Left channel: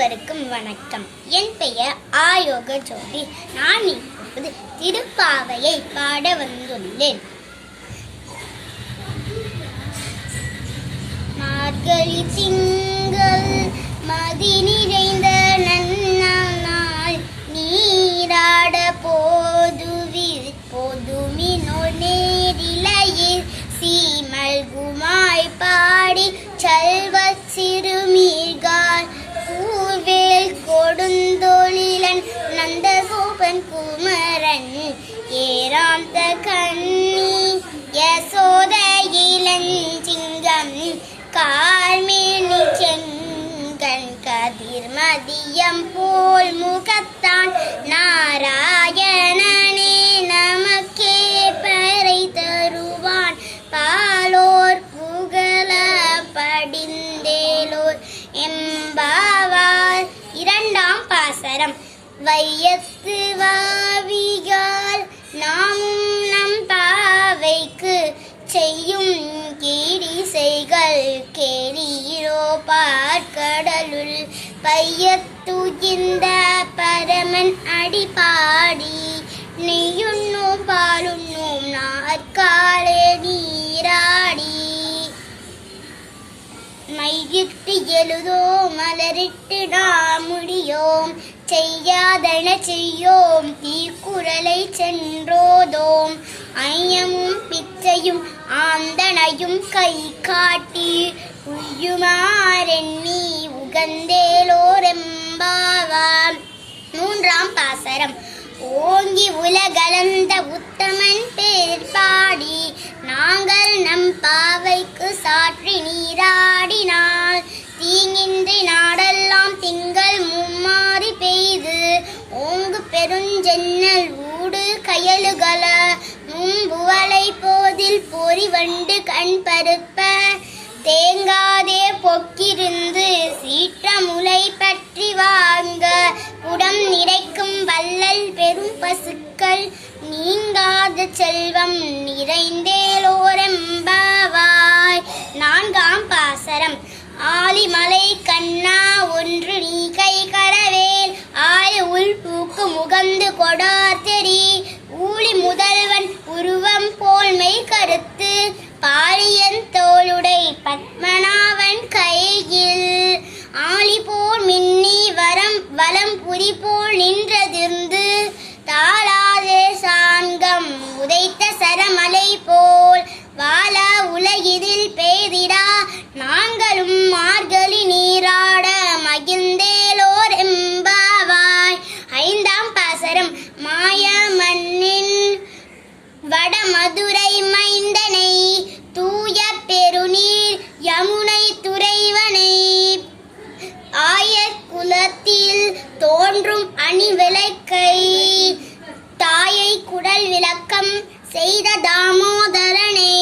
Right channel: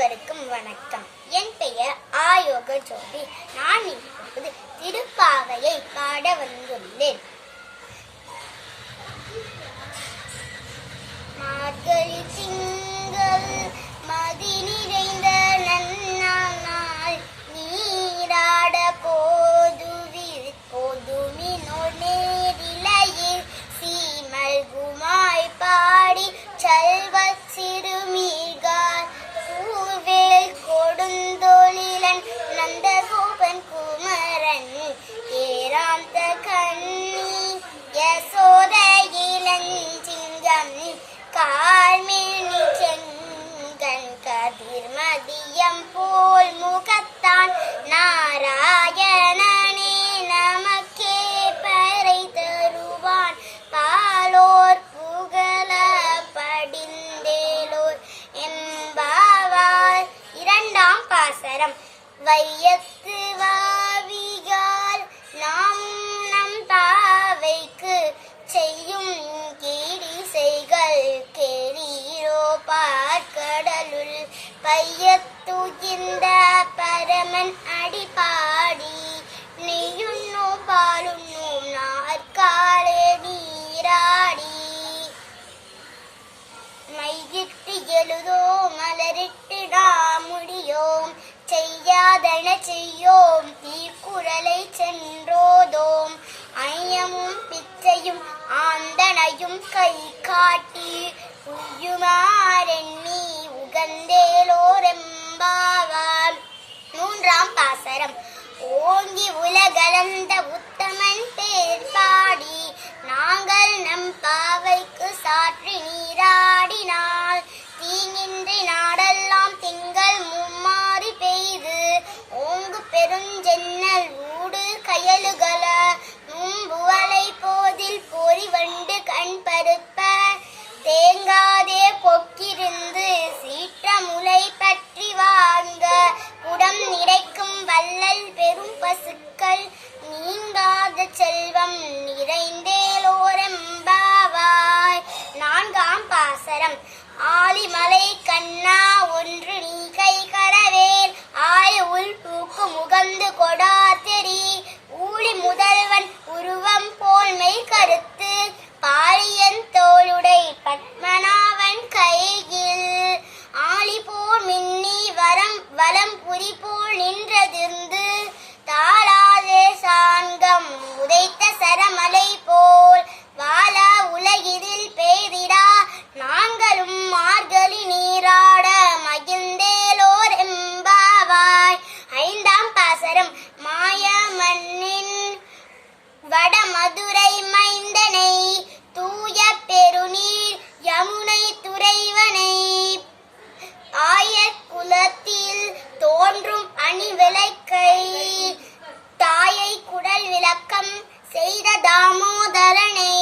அனைவருக்கும் வணக்கம். என் பெயர் ஆயோக ஜோதி. நான் இப்போது திருப்பாவையை பாட வந்துள்ளேன். மார்கழி திங்கள் மதி நிறைந்த நன்னாள் நீராட போதுமினோ நேரிலையில் சீமல்குமாய் பாடி செல்வ சிறுமீர்கால் கூர்வேல் கொடுந்தொழிலன் நந்தகோபன் குமரன் ஏராந்த கண்ணி யசோத இளஞ்சிங்கம் கார்மேனி செங்கன் கதிர் மதியம் போல் முகத்தான் நாராயணனே நமக்கே பறை தருவான் பாலோர் புகழ படிந்தேலோர் எம்பாவார். இரண்டாம் பாசரம். வையத்து வாவிகால் நாம் நம் பாவைக்கு செய்யும் கீடிசைகள் கேளீரோ பார்க்கடலுள் பையத்துகின்ற பரமன் அடிபாடி நெய்யுண்ணோம் பாலுண்ணோம் நாற்காலே நீராடி மையிட்டு எழுதோ மலரிட்டு நாம் முடியோம் செய்யாதன செய்யோம் தீக்குறளை சென்றோதோம் ஐயமும் பிச்சையும் ஆந்தனையும் கை காட்டி உய்யுமாறெண்ணி உகந்தேலோரெம்பாவாம். மூன்றாம் பாசரம். ஓங்கி உலகளந்த உத்தமன் பேர் பாடி நாங்கள் நம் பாவைக்கு சாற்றி நீராடினால் தீங்கின்றி நாடெல்லாம் திங்கள் மும்மாறி பெய்து ஓங்கு பெருஞ்சென்னல் ஊடு கயலுகள மும்புவலை போதில் பொறிவண்டு கண் பருப்ப தேங்காதே பொக்கிருந்து சீற்ற முளை பற்றி வாங்க குடம் நிறைக்கும் வள்ளல் பெரும் பசுக்கள் நீங்காத செல்வம் நிறைந்தேலோரெம்பாவாய். நான்காம் பாசரம். ஆலிமலை கண்ணா ஒன்று நீ கை கரவேல் ஆய உள் பூக்கு முகந்து கொடாத்தெறி ஊழி முதல்வன் உருவம் போல்மை கருத்து பாரியன் தோளுடை பத்மநாவன் கையில் ஆளி போல் மின்னி வலம் புரி போல் நின்றதிர்ந்து தாளாதே சாங்கம் உதைத்த சரமலை போல் வாழ உலகிதில் பெய்திடா நாங்களும் மார்கழி நீராட மகிழ்ந்தேலோர் எம்பாவாய். ஐந்தாம் பாசரம். மாய மண்ணின் வடமதுரை மைந்தனை தூய பெருநீர் யமுனை துறைவனை ஆயர் குலத்தில் தோன்றும் அணிவிளக்கை தாயை குடல் விளக்கம் செய்த தாமோதரனை